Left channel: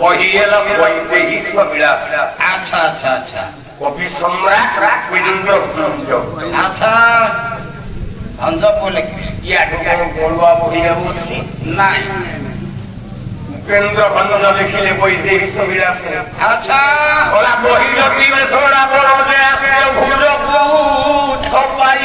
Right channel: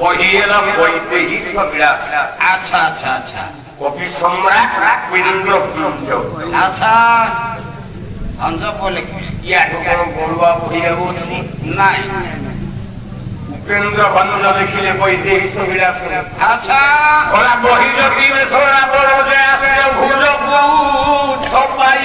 বহিয়েরা বৈদেহী বিলাস। আচ্ছা আচ্ছা আচ্ছা কবি সম্রাট বীরেন্দ্র ভঞ্জ। আচ্ছা ভঞ্জ বলে ইয়াকে কোন বড়ুয়া বহিয়া বলছি নাই। উপেন্দ্র ভঞ্জ লিখিলে বৈদেহী বিলাস। আচ্ছা ওরা বহিল বিবেশরা বড় যে আসিল ভুল সবাই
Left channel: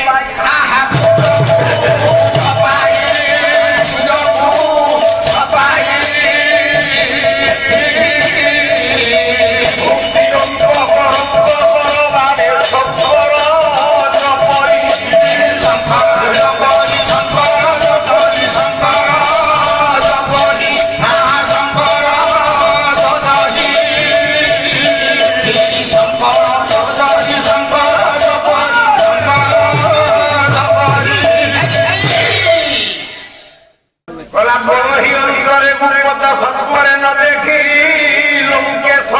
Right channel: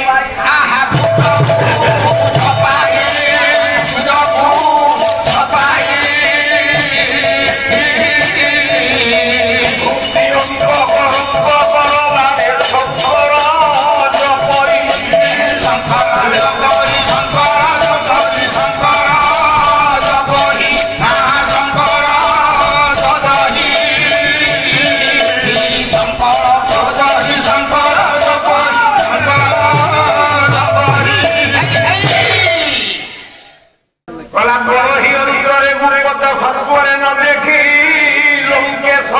দেখি লঙ্কেশ